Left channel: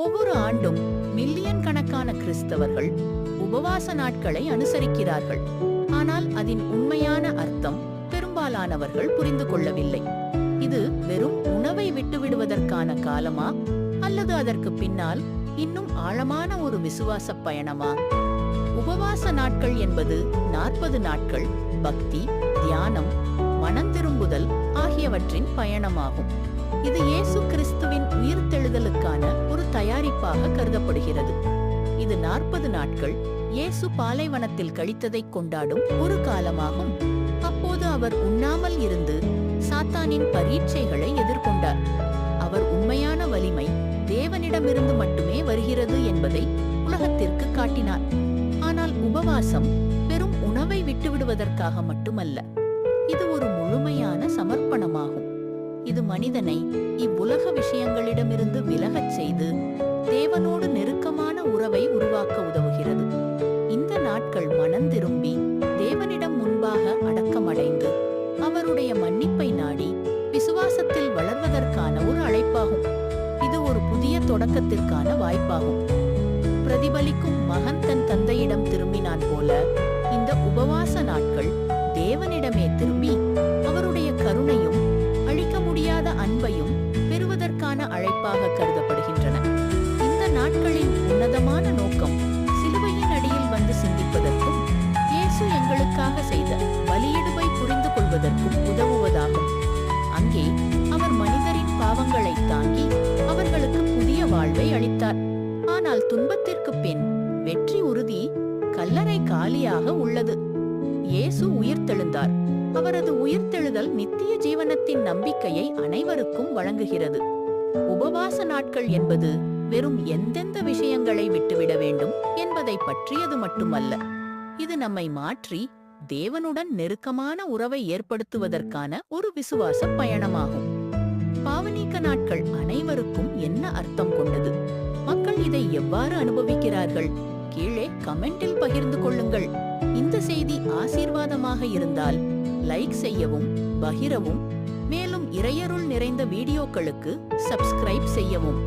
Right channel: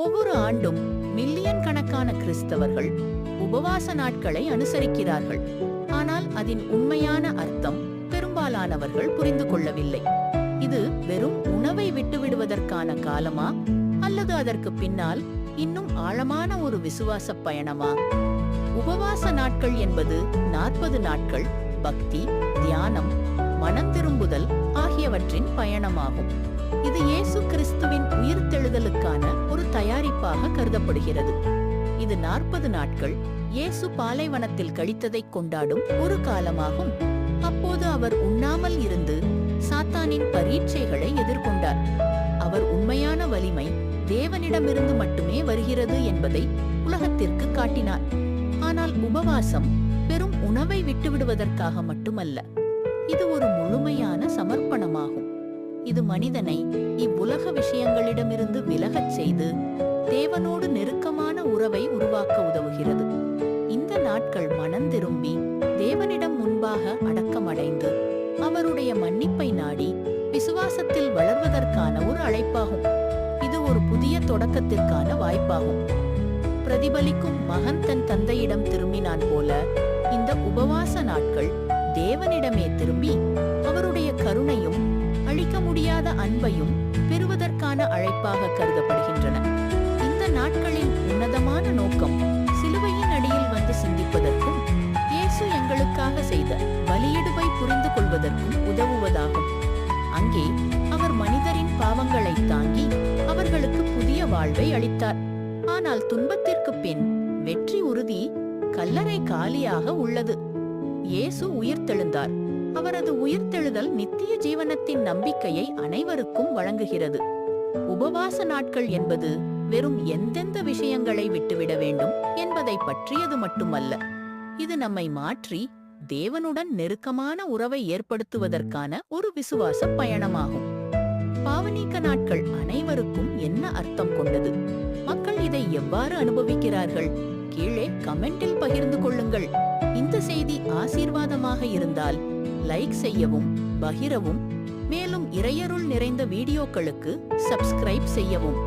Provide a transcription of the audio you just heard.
ஒவ்வொரு ஆண்டும் மில்லியன் கணக்கான கிறிஸ்தவர்கள் உபவாச நாட்களை அனுசரிக்கிறார்கள். ஆனால் அதன் உண்மையான அர்த்தம் பெரும்பாலானவர்கள் புரிந்து கொள்ளவில்லை. இது வெறும் உணவை விட்டுவிடுவதற்கான காலமா, அல்லது அதற்கு பின்னால் இன்னும் ஆழமான ஒரு விசுவாச பயணமா? உபவாச நாட்கள் என்பது 40 நாட்கள் பக்தி, தியானம், மனந்திரும்புதல் ஆகியவற்றின் பயணமாகும். இது இயேசு கிறிஸ்துவின் உயிர்த்தெழுதலுக்கான ஒரு தயாரிப்பாக கருதப்படுகிறது. இது 40 நாட்கள் இயேசு பாலைவனத்தில் கழித்ததை கொண்டாடும் ஒரு காலமாகும். அப்போது அவர் உண்ணாமல் இருந்து சாத்தானின் பரீட்சைகளை எதிர்கொண்டார். அவர் உண்மையான வலிமை தேவனிடமிருந்து மட்டுமே வருகிறது என்பதை உலகத்திற்கு காட்டினார். ஆனால் உபவாசம் வெறும் உணவை விட்டுவிடுவதற்காக மட்டுமல்ல, இது ஒரு முழுமையான சமர்ப்பணமாகும். இது மனிதனை இவ்வுலக விஷயங்களிடமிருந்து விலகச் செய்து தேவனோடு நெருக்கமான உறவை உருவாக்க உதவுகிறது. இந்த நாட்கள் மனந்திரும்பி தேவனிடம் முன்பாக அடக்கமடைந்து அவருடைய மன்னிப்பை நாடி விசுவாசத்தில் வளர்வதற்கான ஒரு அழைப்பாகும். இது ஒரு புதிய தொடக்கத்திற்கான வாய்ப்பாகும். பிரதிபலிக்கும் மகன் தன் தந்தையிடம் திரும்பினான் போல இந்த உபவாச நாட்கள் தேவனிடமே திரும்பி அவருடைய கருணையும் அழிக்க முடியாத அன்பையும் பெறுவதற்கான அழைப்பாக கருதப்படுகின்றன. இந்த நாட்களின் உன்னதமான நோக்கம் சிலுவையின் அடியில் வந்து சிந்திப்பதற்கும் இயேசு எங்களுக்காக செய்த பலியிடுவை புரிந்து கொள்வதற்கும் உதவுவதாகும். அங்கே அவர் மனிதரின் பாவங்களை தாங்கி அவர்களுக்கு புதிய வாழ்வை அளித்தார். ஆனால் துன்பத்திற்கு பின் வெற்றி உறுதி. கல்லறை காலியாக உள்ளது. இயேசு உயிர்த்தெழுந்தார். அவரது உயிர்த்தெழுதல் நித்திய ஜீவனத்தின் நம்பிக்கையை அனைவருக்கும் வழங்குகிறது. உபவாச நாட்கள் என்பது வெறும் எந்தெந்த விஷயங்களை விட்டுவிட வேண்டும் என்பதை பற்றியது மட்டுமல்ல. இது நம்மை மாற்றி தேவனுடன் நெருக்கமான உறவை ஏற்படுத்துவதற்கான ஒரு விசுவாச பயணமாகும். பாவநீக்க நாட்கள் அனைவருக்கும் என்ன அர்த்தம் கொண்டது? மக்கள் இதை எவ்வாறு அனுபவிக்கிறார்கள்? கீழே கமெண்டில் பகிர்ந்து கொள்ளுங்கள். இந்த செய்தி ஆசீர்வாதமாக இருந்தால் லைக் செய்யவும், பகிரவும், மேலும் இறையருள் நிறைந்த வீடியோக்களுக்கு சப்ஸ்கிரைப் செய்யவும்.